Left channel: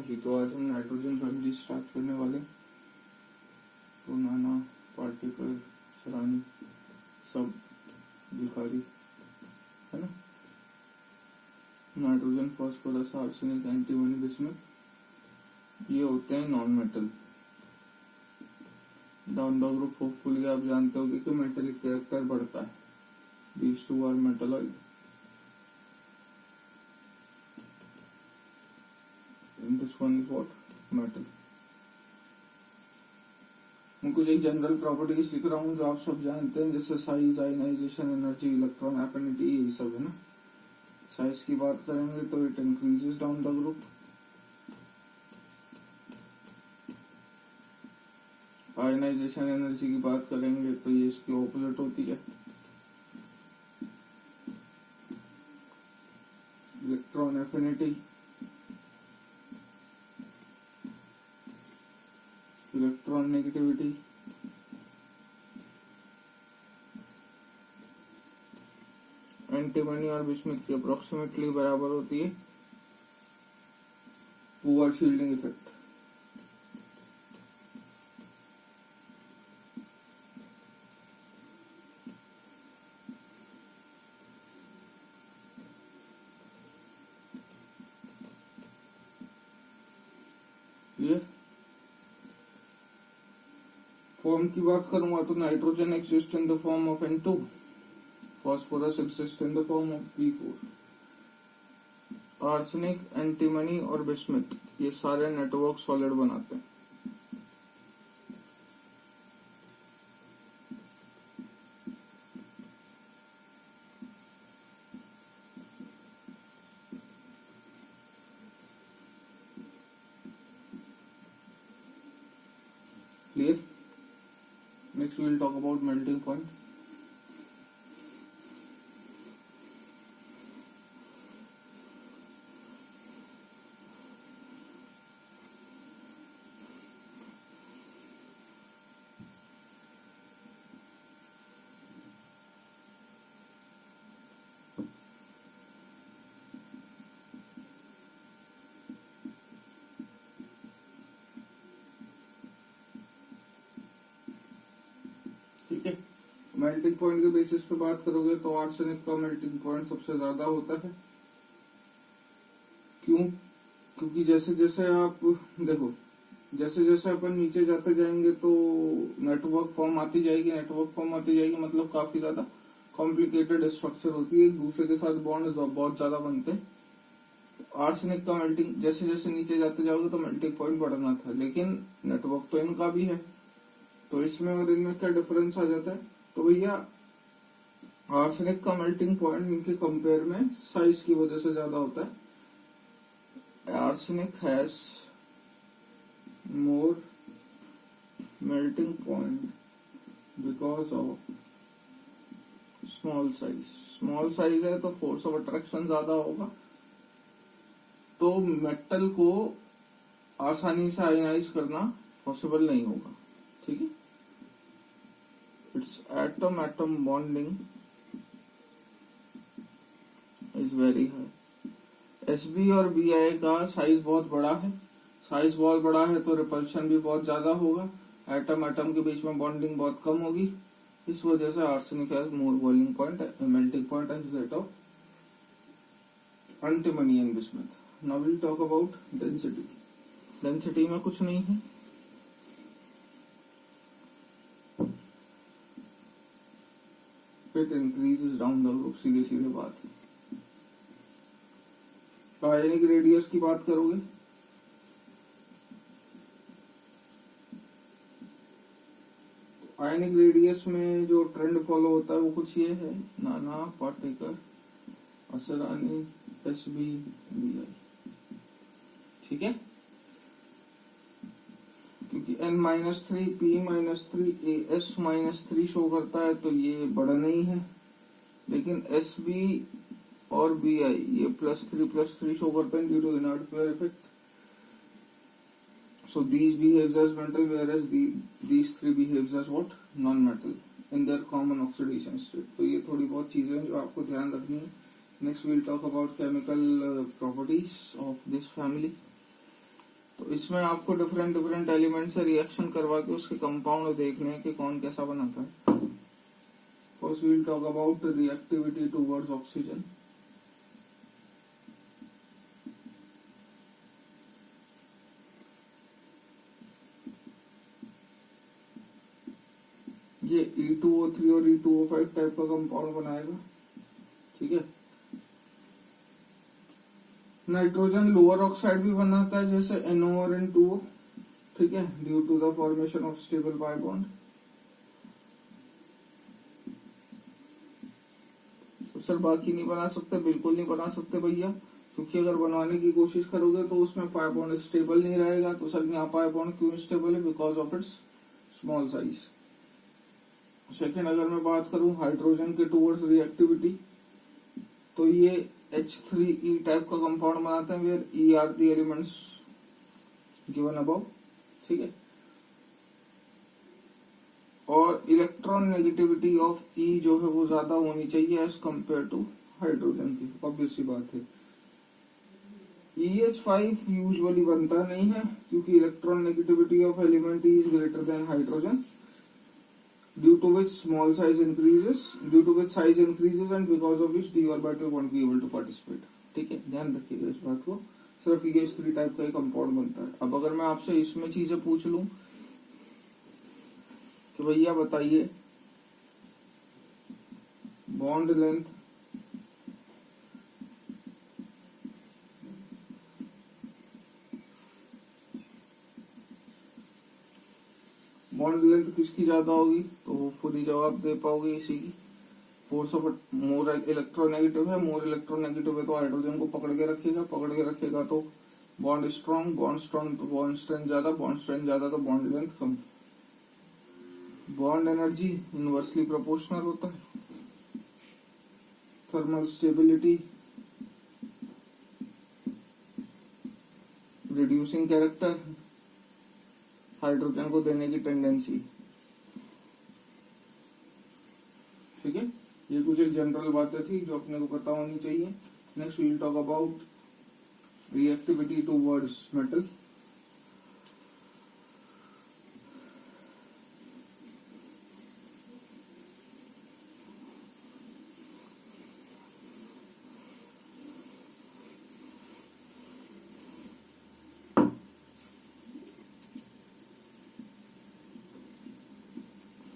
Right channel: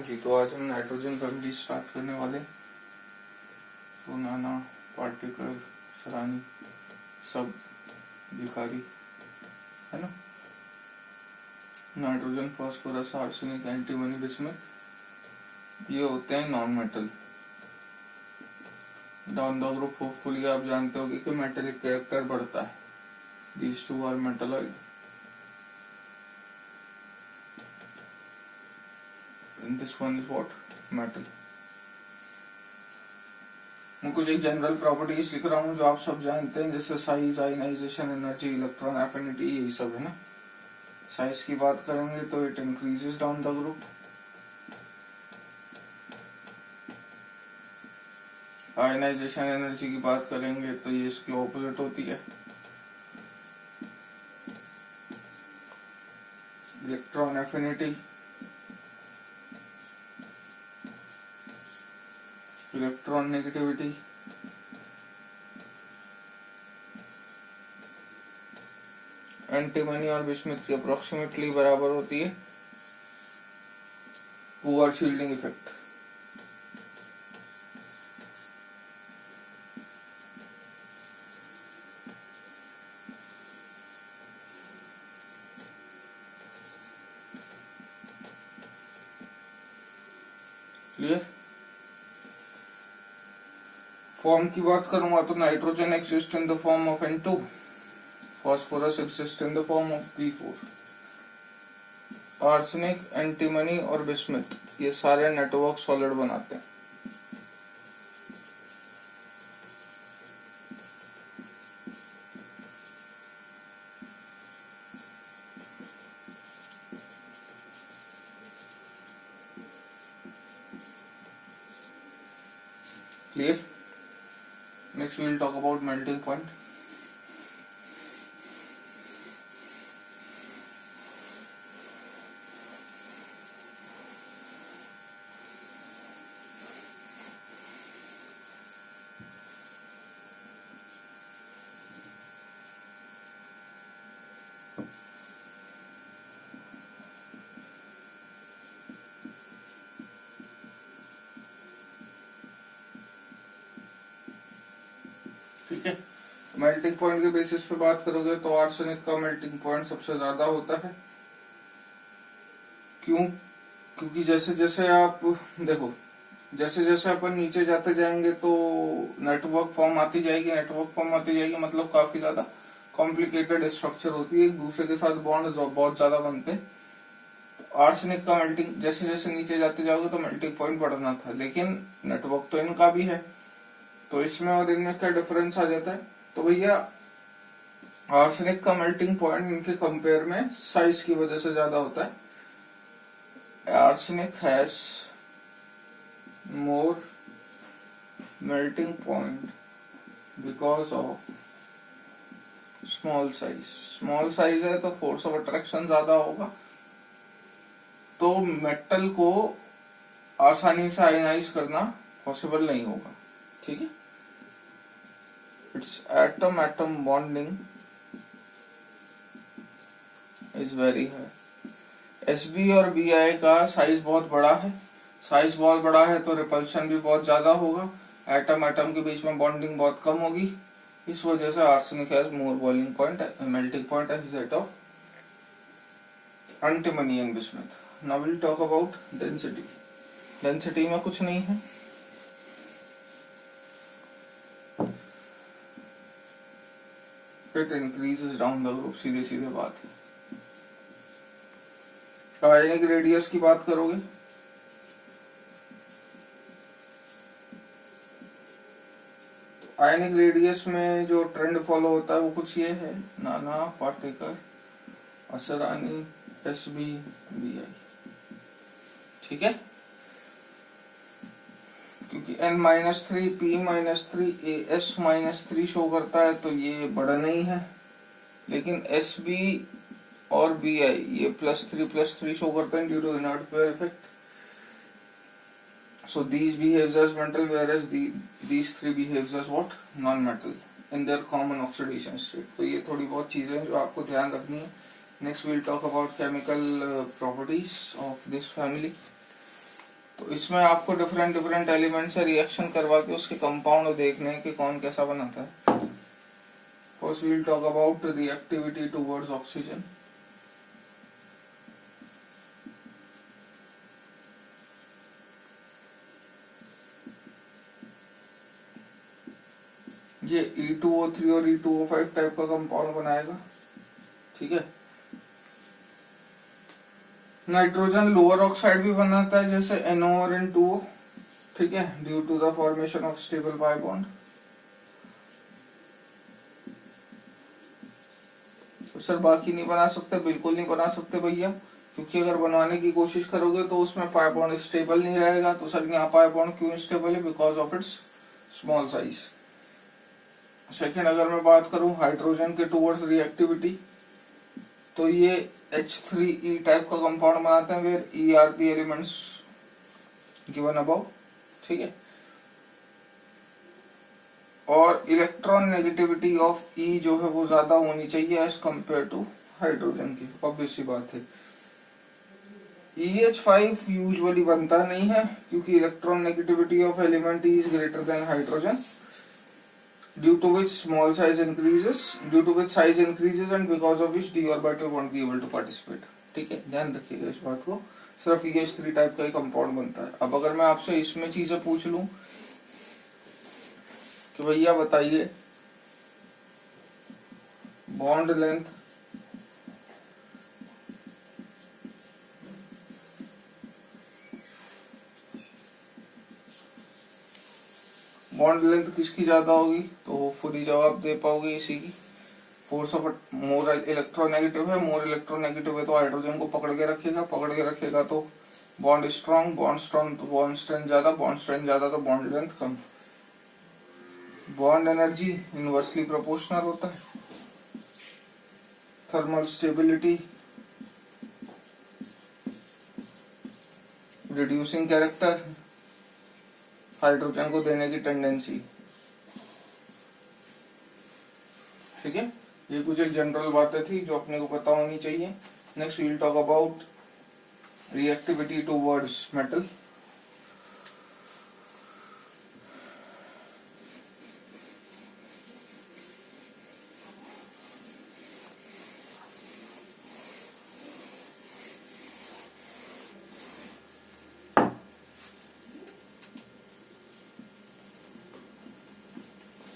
हाँ जी, तो आज हम नाइट्रोजन फैमिली स्टार्ट करने वाले। तो नाना, पार्टिकल, सरानी, सब भिखारी, है ना। Nitrogen, phosphorus, arsenic, antimony, bismuth, ये होते हैं non metal. Down the group hopefully आप जानते होगे कि मेटेलिक कैरेक्टर बढ़ता है। These two are metalloid. And this one is what? Metal. मैं कुछ एक जनरल प्रॉपर्टीज लिख रहा हूँ जो आप सब जानते हैं, जैसे size, ionization energy, electron affinity, यही सब है ना। साइज की बात करेंगे तो it increases down the group. Ionization energy की बात करेंगे तो ये इसकी ऑपोजिट होती है। Electron affinity, electron negativity, antimony और बिस्मथ की अप्रोक्सीमेटली बराबर होती है। Poor shielding effect. Clear. Form की बात करूंगा तो nitrogen exist in the form of N2, phosphorus exist in the form of P4, arsenic, antimony और बिस्मथ ये सारे नेटवर्क सॉलिड बनाते हैं। Clear. Next we will talk about melting point. ठीक है। मेल्टिंग पॉइंट के बेसिस पे बात करोगे तो आर्सेनिक का मेल्टिंग पॉइंट सबसे ज्यादा होता है। क्यों? क्योंकि जैसे जैसे आप देखो, जैसे जैसे अपन नीचे जाते जाएंगे तो नेटवर्क फॉर्म आती जाएगी, नेटवर्क फॉर्म आती जाएगी, मतलब काफी ज्यादा कॉम्प्लिकेटेड स्ट्रक्चर होती है, एक दूसरे के साथ बॉन्ड बहुत ज्यादा बनते हैं। आर्सेनिक का मेल्टिंग जैसे जैसे नीचे जाते जाओगे तो मेल्टिंग पॉइंट बढ़ना था, लेकिन नेटवर्क तो इनका भी है, तो इसमें और इनमें क्या डिफरेंस आ जाता है। तो भैया आर्सेनिक का मेल्टिंग पॉइंट इनके कंपेयर में साइज की वजह से ज्यादा होता है। Arsenic has more melting point because of small size. Small size है तो फोर्स ऑफ अट्रैक्शन ज्यादा होगा, तो मेटल को आसानी से आयनाइज करना पॉसिबल नहीं होगा। ठीक है। It's atom atom bonding is very high. Sb और Bi का साइज बहुत बड़ा है, साइज बहुत बड़ा है तो रिपल्शन भी बहुत ज्यादा होगा, एटम एटम के बीच में बॉन्डिंग बहुत कम होगी, इस वजह से arsenic has more boiling point, melting point as that of antimony and bismuth. Now will talk about density. Density में कुछ नहीं है, it increases down the group, सीधे सीधे बात है। आयनिक रेडियस की बात करोगे आयनिक रेडियस में जो ट्रेंड फॉलो होता है वो कुछ ये है, नाना, पार्टिकल, असरानी, Sb, Bi। ठीक है। क्योंकि N-3 P-3 AS-3 शो करता है तो ये बड़ा नहीं है, लेकिन Sb और Bi ये +3 शो करते हैं due to inert pair effect. So these behaves as metal, whereas these three behaves as what? Non-metal in their common oxidation state. तो ये थोड़ी बहुत चीजें हैं जो आपको ध्यान रखनी है। Next we'll talk about chemical properties of this family. तो इसमें आपको डिफरेंट डिफरेंट एलिमेंट से रिएक्शन करवा के उसके कंपाउंड देखने हैं कि कौन कैसा बनाता है। First we will talk about reactivity towards oxygen. ये E2O3 और E2O5 टाइप का कंपाउंड बनाएगा, ठीक है। नाइट्रोजन लोअर ऑक्साइड भी बनाता है जैसे NO और N2O, ठीक है, due to the formation of stable pi bond. तो सर बाकी नहीं बना सकते, बिल्कुल नहीं बना सकते भैया, क्योंकि अगर बनवाने की कोशिश करोगे तो उसमें पाई बॉन्ड स्टेबल नहीं रहेगा। तो सर यहाँ पाई बॉन्ड क्यों स्टेबल है? Because of its small size. Second, अगर मैं बात करूं हाइड्रोजन के टुवर्ड्स रिएक्टिविटी, तो ये H3E टाइप का कंपाउंड बनाते हैं where E are the elements given above, ठीक है। और इलेक्ट्रॉन नेगेटिविटी ऑफ E जो है वो ज्यादा होनी चाहिए एज कंपेयर टू हाइड्रोजन की, ऑब्वियस सी बात है। EH5 यूजुअली बनता नहीं है क्योंकि electron negativity of element E is greater than hydrogen, due to which size increases and because of which d orbital won't be able to participate, ठीक है, ध्यान रखिएगा इस बात को। सिर्फ EH3 टाइप का ही कंपाउंड बनता है। अब अगर मैं आपसे इसमें चीजें पूछ लूं कि भैया बताइए बॉन्ड लेंथ किसकी ज्यादा होगी, तो होपफुली जवाब दे पाओगे इसी की। फोर्स ऑफ मोर इलेक्ट्रोनेगेटिव है, मोर इलेक्ट्रोनेगेटिव है तो हाइड्रोजन को पकड़ के रखेगा तो बॉन्ड स्ट्रॉन्ग तो बॉन्ड स्ट्रेंथ ज्यादा तो बॉन्ड लेंथ कम। बॉन्ड एनर्जी इनवर्सली प्रोपोर्शनल होता है। Thermal stability, reducing character, hydrogen को देने की टेंडेंसी, ठीक है। ये कुछ एक जनरल बातें थी जो अपने को पता होनी चाहिए। Next we will talk about reactivity towards metal.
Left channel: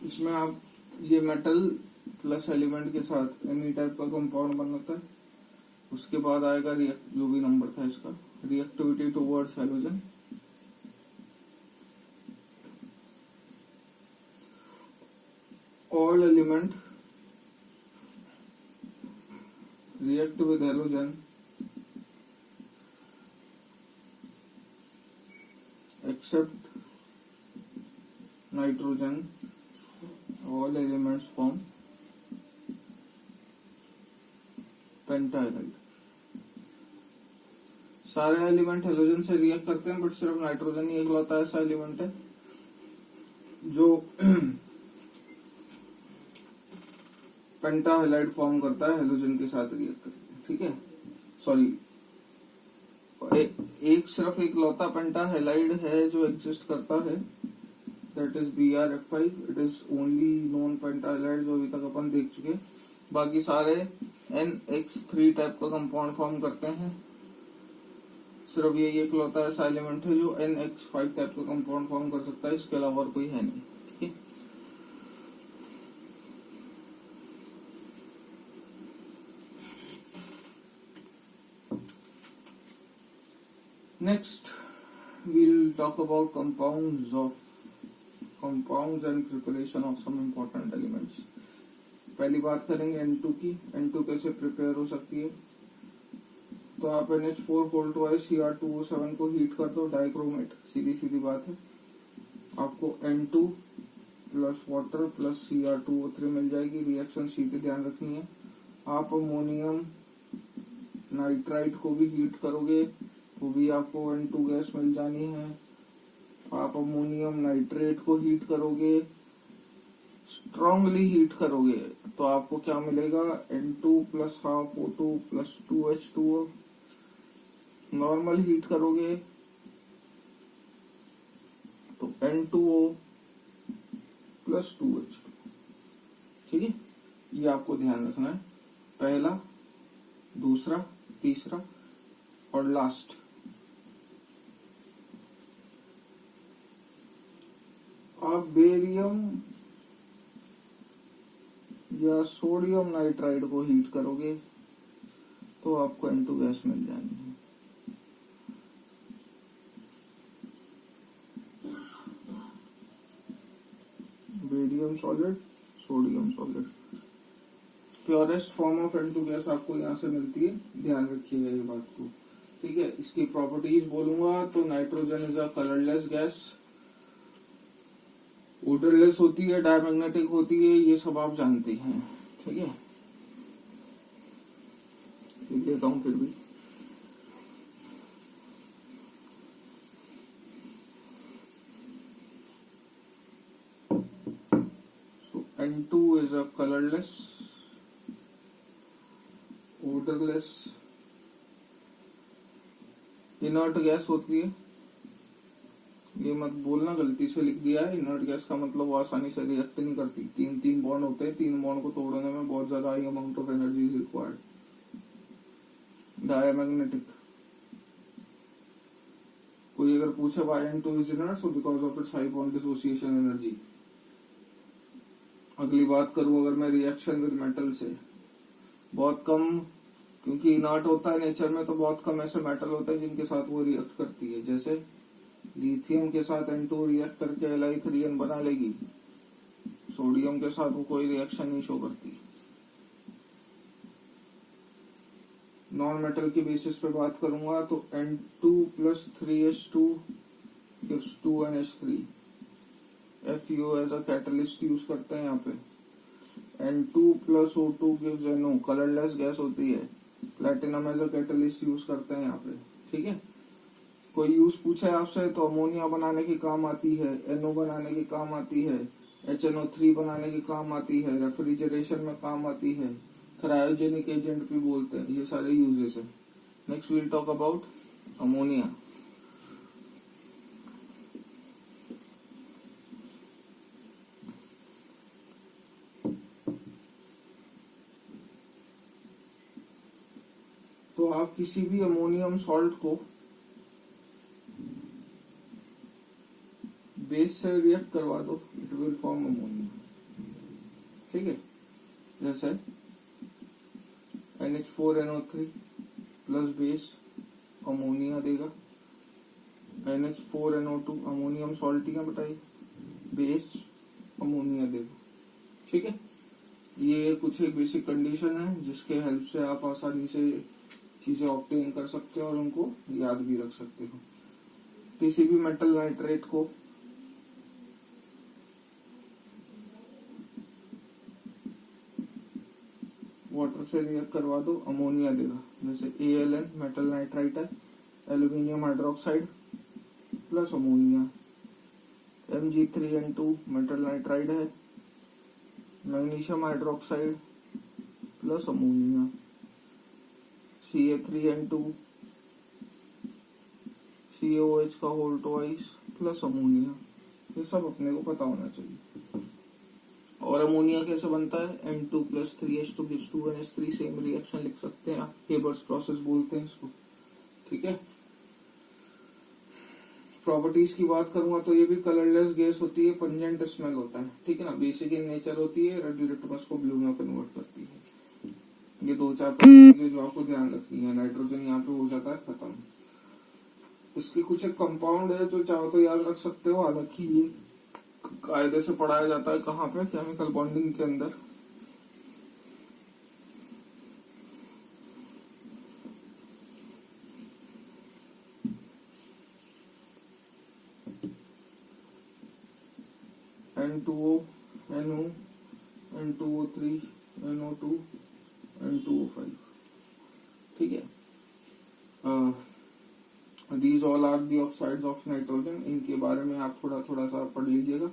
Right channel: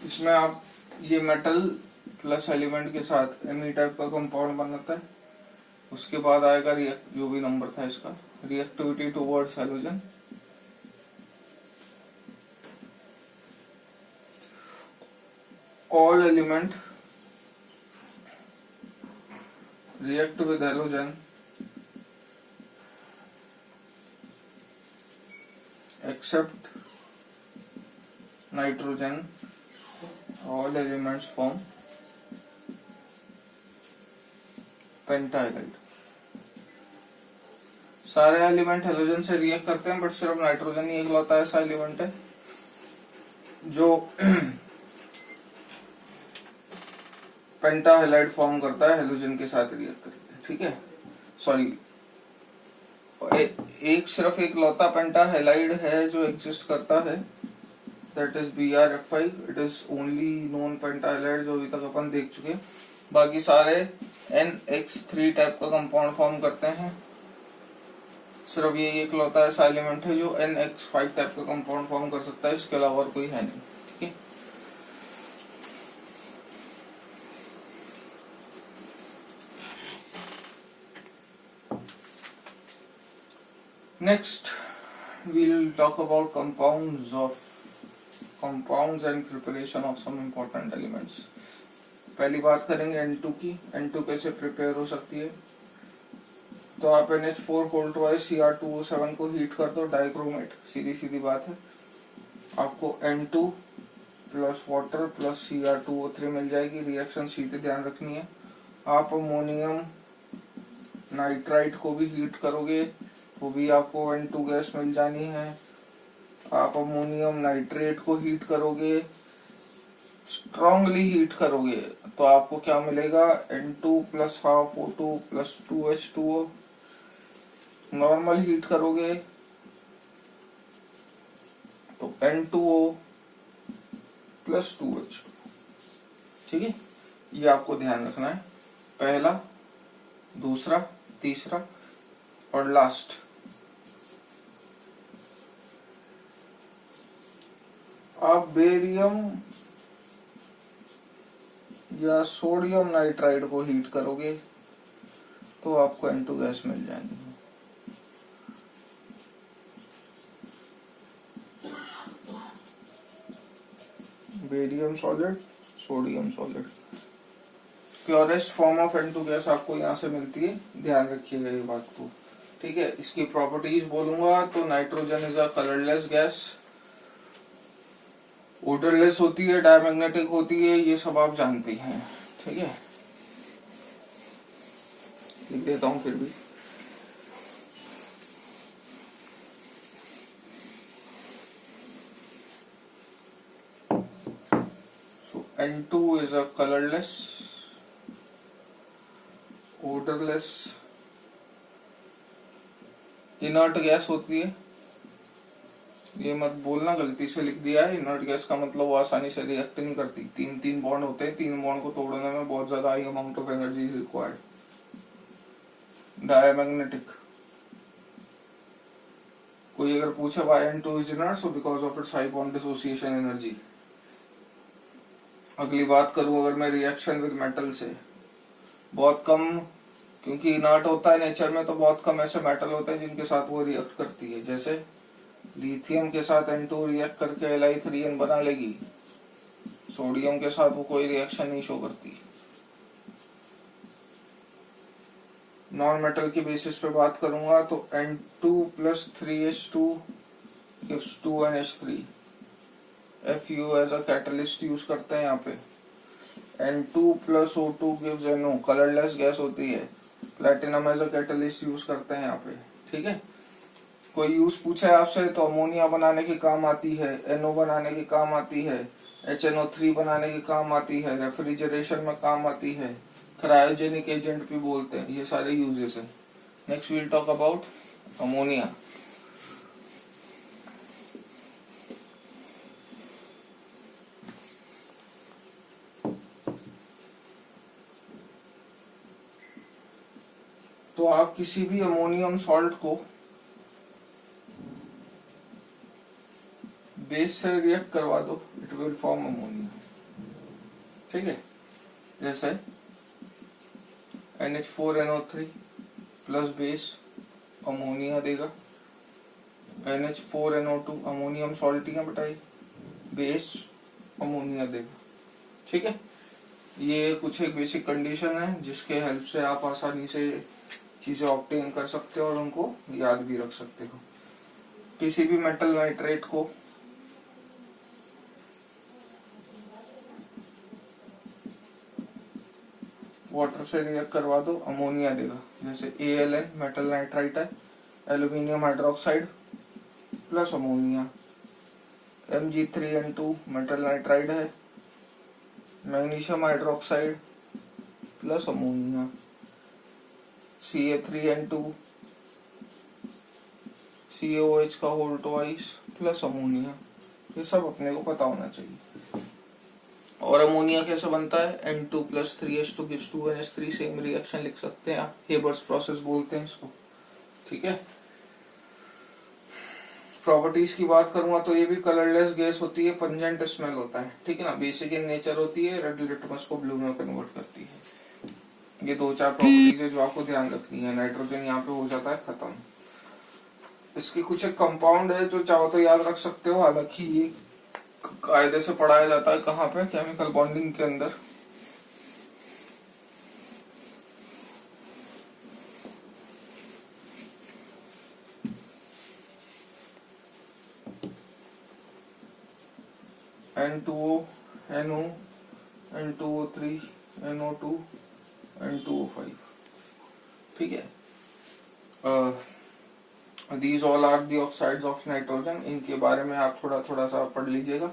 इसमें आप ये मेटल प्लस एलिमेंट के साथ एमी टाइप का कंपाउंड बनाता है। उसके बाद आएगा जो भी नंबर था इसका, reactivity towards halogen. All element react with halogen except nitrogen, all elements form पेंटाहाइड्राइड। सारे एलिमेंट हेलोजन से रिएक्ट करते हैं बट सिर्फ नाइट्रोजन ही एकलौता ऐसा एलिमेंट है जो पेंटाहाइलाइड फॉर्म करता है हेलोजन के साथ रिएक्ट करके, ठीक है। सॉरी, एक सिर्फ एकलौता पेंटाहाइलाइड है जो एग्जिस्ट करता है, that is BrF5। It is only non pentahalide जो अभी तक अपन देख चुके। बाकी सारे NX3 टाइप का कंपाउंड फॉर्म करते हैं। सिर्फ ये एकलौता ऐसा एलिमेंट है जो NX5 टाइप का कंपाउंड फॉर्म कर सकता है, इसके अलावा और कोई है नहीं, ठीक है। Next we'll talk about compounds and preparation of some important elements। पहली बात करेंगे N2 की। N2 कैसे प्रिपेयर हो सकती है, तो आप NH4 Cr2O7 को हीट कर दो, डाइक्रोमेट, सीधी बात है। आपको N2 plus water plus Cr2O3 मिल जाएगी। रिएक्शन सीधे ध्यान रखनी है। आप अमोनियम नाइट्राइट को भी हीट करोगे, वो भी आपको N2 गैस मिल जानी है। आप अमोनियम नाइट्रेट को हीट करोगे, स्ट्रांगली हीट करोगे, तो आपको क्या मिलेगा, N2 plus half O2 plus 2H2O। Normal heat करोगे N2O प्लस 2H2। ठीक है, ये आपको ध्यान रखना है, पहला, दूसरा, तीसरा और लास्ट। आप बेरियम या सोडियम नाइट्राइड को हीट करोगे तो आपको N2 गैस मिल जाएगी। Barium solid, sodium solid, purest form of N2 gas आपको यहाँ से मिलती है, ध्यान रखिएगा ये बात को। ठीक है, इसकी प्रॉपर्टीज बोलूंगा तो nitrogen is a colourless gas, odourless होती है, डायमैग्नेटिक होती है, ये सब आप जानते हैं। ठीक है, लिख देता हूं फिर भी। So N2 is a colorless, odorless, inert gas होती है। ये मत बोलना गलती से लिख दिया है, इनर्ट गैस का मतलब वो आसानी से रिएक्ट नहीं करती। तीन तीन बॉन्ड होते हैं, तीन बॉन्ड को तोड़ने में बहुत ज्यादा high amount of energy is required. Diamagnetic, कोई अगर पूछे why N2 is inert, so because of its high bond dissociation energy. अगली बात करूं अगर मैं रिएक्शन विद मेटल से, बहुत कम, क्योंकि इनर्ट होता है नेचर में, तो बहुत कम ऐसे मेटल होते हैं जिनके साथ वो रिएक्ट करती है। जैसे लिथियम के साथ N2 रिएक्ट करके Li3N बना लेगी, सोडियम के साथ वो कोई रिएक्शन नहीं शो करती। नॉन मेटल के बेसिस पे बात करूंगा तो N2 plus 3H2 gives 2NH3। Fu as a catalyst use करते हैं यहाँ पे। N2 plus O2 gives NO, colourless gas होती है। Platinum as a catalyst use करते हैं यहाँ पे। ठीक है, कोई यूज पूछे आपसे तो अमोनिया बनाने के काम आती है, NO बनाने के काम आती है, HNO3 बनाने के काम आती है, रेफ्रिजरेशन में काम आती है, क्रायोजेनिक एजेंट भी बोलते हैं। ये सारे यूजेस है। Next will talk about ammonia. तो आप किसी भी अमोनियम सॉल्ट को बेस से रिएक्ट करवा दो, इट विल फॉर्म अमोनिया। ठीक है, जैसे NH4NO3 प्लस बेस अमोनिया देगा, NH4NO2 अमोनियम सॉल्ट ही है बताइए, बेस अमोनिया देगा। ठीक है, ये कुछ एक बेसिक कंडीशन है जिसके हेल्प से आप आसानी से चीजें ऑब्टेन कर सकते हो और उनको याद भी रख सकते हो। किसी भी मेटल नाइट्रेट को वाटर से रिएक्ट करवा दो, अमोनिया देगा। जैसे ALN मेटल नाइट्राइट है, aluminium hydroxide plus ammonia. Mg3N2 metal nitride है, magnesium hydroxide plus ammonia. Ca3N2 CaOH का होल ट्वाइस प्लस अमोनिया। ये सब अपने को पता होना चाहिए। और अमोनिया कैसे बनता है? N2 plus 3H2 gives 2NH3, same reaction लिख सकते हैं आप, हेबर्स प्रोसेस बोलते हैं इसको। ठीक है, प्रॉपर्टीज की बात करूंगा तो ये भी कलरलेस गैस होती है, पंजेंट स्मेल होता है। ठीक है ना, बेसिक इन नेचर होती है, रेड लिटमस को ब्लू में कन्वर्ट करती है। ये दो चार प्रॉपर्टीज है जो आपको ध्यान रखनी है। नाइट्रोजन यहाँ पे हो जाता है खत्म। इसके कुछ एक कंपाउंड है जो चाहो तो याद रख सकते हो, हालांकि ये कायदे से पढ़ाया जाता है कहाँ पे, केमिकल बॉन्डिंग के अंदर। N2O, NO, N2O3, NO2, N2O5। ठीक है, these all are the oxides of nitrogen। इनके बारे में आप थोड़ा थोड़ा सा पढ़ लीजिएगा।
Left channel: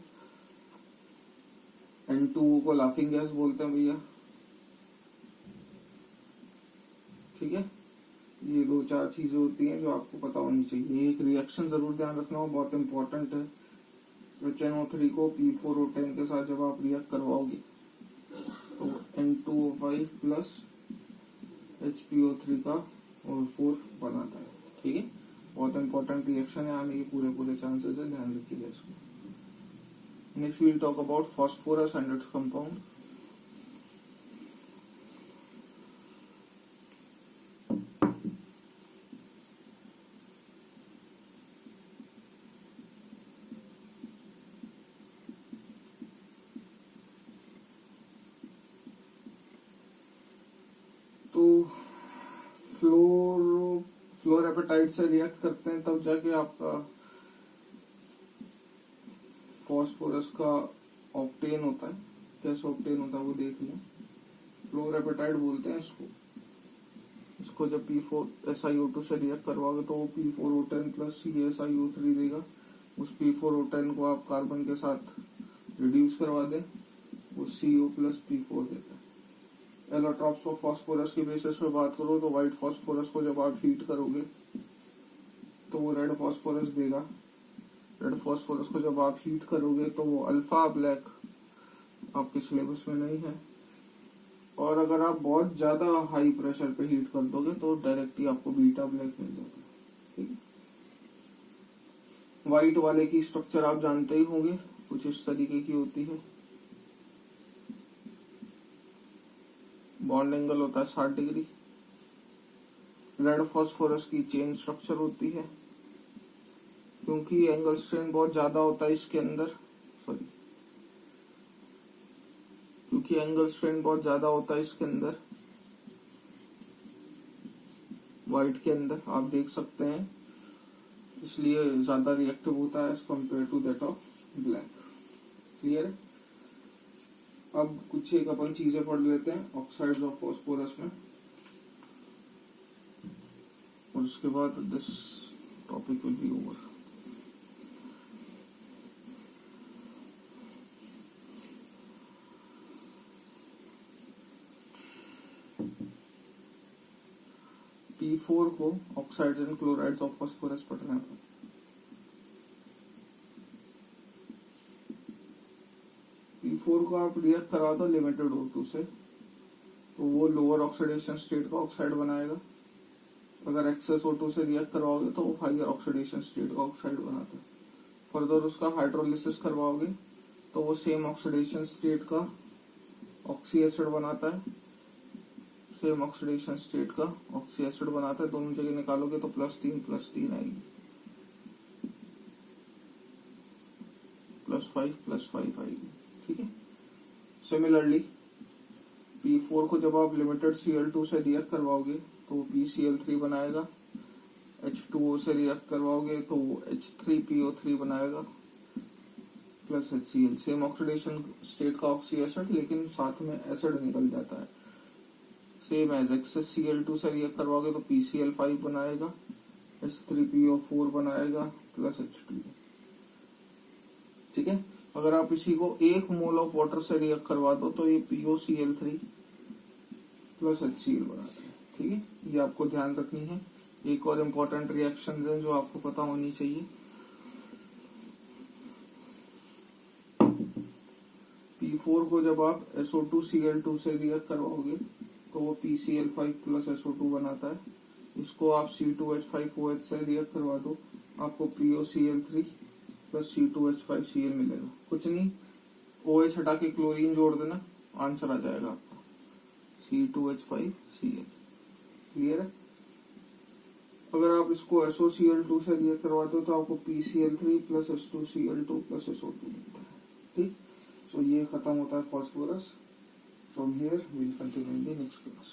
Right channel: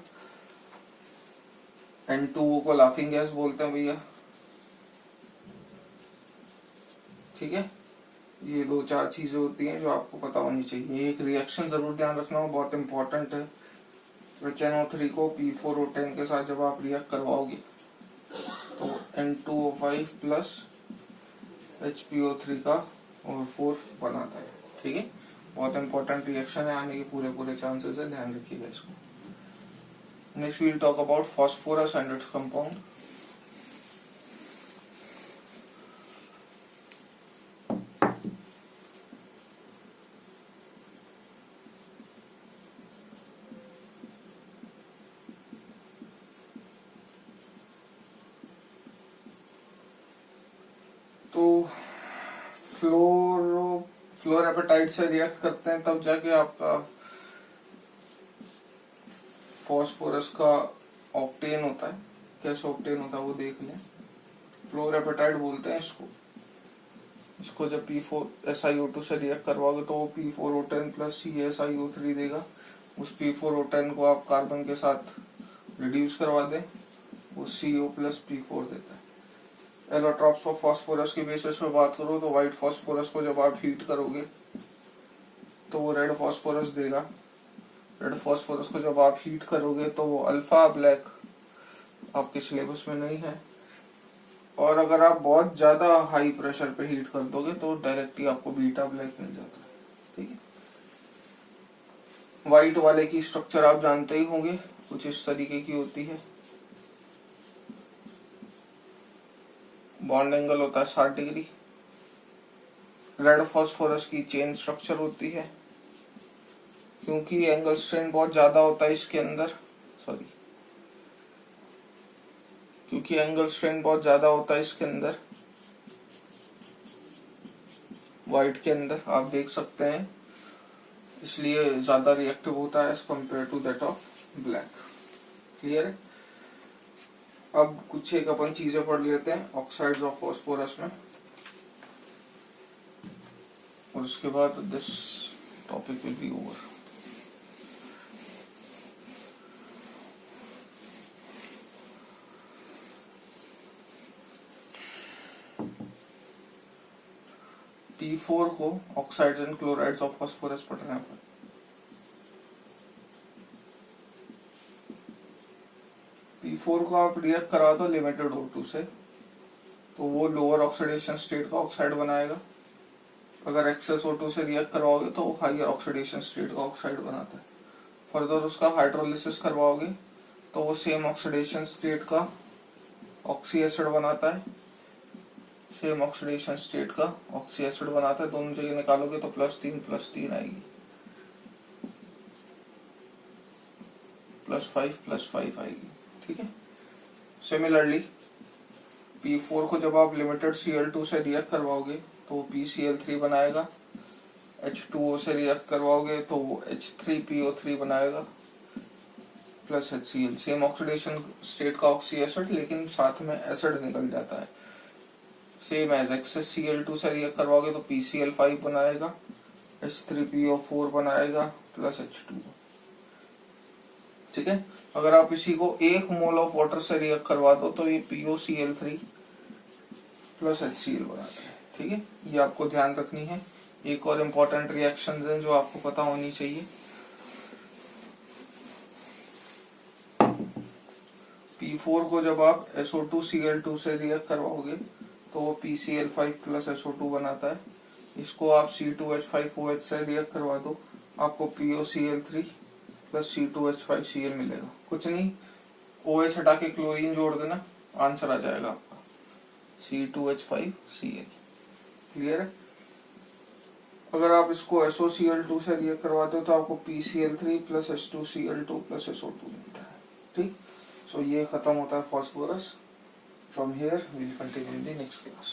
N2O को लाफिंग गैस बोलते हैं भैया। ठीक है, ये दो चार चीजें होती हैं जो आपको पता होनी चाहिए। एक रिएक्शन जरूर ध्यान रखना हो, बहुत इंपॉर्टेंट है। HNO3 को P4O10 के साथ जब आप रिएक्ट करवाओगे तो N2O5 प्लस HPO3 का और 4 बनाता है। ठीक है, बहुत इंपॉर्टेंट रिएक्शन है, आने के पूरे चांसेस है, ध्यान रखिएगा इसको। Next will talk about phosphorus and its compound. तो फ्लोरेपेटाइट से रिएक्ट करते हैं तब जाके आपका फॉस्फोरस का ऑक्टेन होता है। कैसे ऑक्टेन होता है वो देख लें। फ्लोरेपेटाइट बोलते हैं इसको जब P4SiO2 से रिएक्ट करवाओगे तो वो P4O10 प्लस CaSiO3 देगा। उस P4O10 को आप कार्बन के साथ रिड्यूस करवा दें, वो CO प्लस P4 देता है। एलोट्रॉप्स ऑफ फॉस्फोरस के बेसिस पे बात करो तो व्हाइट फॉस्फोरस को जब आप हीट करोगे तो वो रेड फॉस्फोरस देगा। रेड फॉस्फोरस को जब आप हीट करोगे तो वो अल्फा ब्लैक आपके सिलेबस में नहीं है। और अगर आप बहुत ज्यादा हाई प्रेशर पे हीट कर दोगे तो डायरेक्टली आपको बीटा ब्लैक मिल जाता है। ठीक है, व्हाइट वाले की स्ट्रक्चर आप जानते ही होंगे, कुछ इस तरीके की होती है। बॉन्ड एंगल होता है 60 डिग्री। रेड फॉस्फोरस की चेन स्ट्रक्चर होती है, क्योंकि एंगल स्ट्रेन बहुत ज्यादा होता है इसके अंदर, क्योंकि एंगल स्ट्रेन बहुत ज्यादा होता है इसके अंदर, व्हाइट के अंदर आप देख सकते हैं, इसलिए ज्यादा रिएक्टिव होता है as compare to that of black. Clear है। अब कुछ एक अपन चीजें पढ़ लेते हैं ऑक्साइड्स ऑफ फॉस्फोरस में, और उसके बाद this topic will be over. P4 को oxides and chlorides of phosphorus पढ़ रहे हैं। P4 को आप रिएक्ट करा दो लिमिटेड O2 से तो वो लोअर ऑक्सीडेशन स्टेट का ऑक्साइड बनाएगा। अगर एक्सेस O2 से रिएक्ट करवाओगे तो वो हायर ऑक्सीडेशन स्टेट का ऑक्साइड बनाता है। फर्दर उसका हाइड्रोलिसिस करवाओगे तो वो सेम ऑक्सीडेशन स्टेट का ऑक्सी एसिड बनाता है। सेम ऑक्सीडेशन स्टेट का ऑक्सी एसिड बनाता है। दोनों जगह निकालोगे तो +3 आएगी, +5 आएगी। ठीक है। सिमिलरली P4 को जब आप लिमिटेड Cl2 से रिएक्ट करवाओगे तो वो PCl3 बनाएगा। H2O से रिएक्ट करवाओगे तो वो H3PO3 बनाएगा plus HCl। Same oxidation state का ऑक्सी एसिड, लेकिन साथ में एसिड निकल जाता है। सेम एज एक्सेस Cl2 से रिएक्ट करवाओगे तो PCl5 बनाएगा, H3PO4 बनाएगा प्लस H2O। ठीक है। अगर आप इसी को 1 मोल ऑफ वाटर से रिएक्ट करवा दो तो ये POCl3 प्लस HCl बनाता है। ठीक है, ये आपको ध्यान रखनी है। एक और इम्पोर्टेंट रिएक्शंस हैं जो आपको पता होनी चाहिए। P4 को जब आप SO2Cl2 से रिएक्ट करवाओगे तो वो PCl5 प्लस SO2 बनाता है। इसको आप C2H5OH से रिएक्ट करवा दो, आपको POCl3 प्लस C2H5Cl मिलेगा। कुछ नहीं, OH हटा के क्लोरीन जोड़ देना, आंसर आ जाएगा आपका C2H5Cl। क्लियर है। अगर आप इसको SOCl2 से रिएक्ट करवाते हो तो आपको PCl3 plus H2Cl2 plus SO2 मिलता है। ठीक, सो ये खत्म होता है phosphorus. From here we will continue in the next class.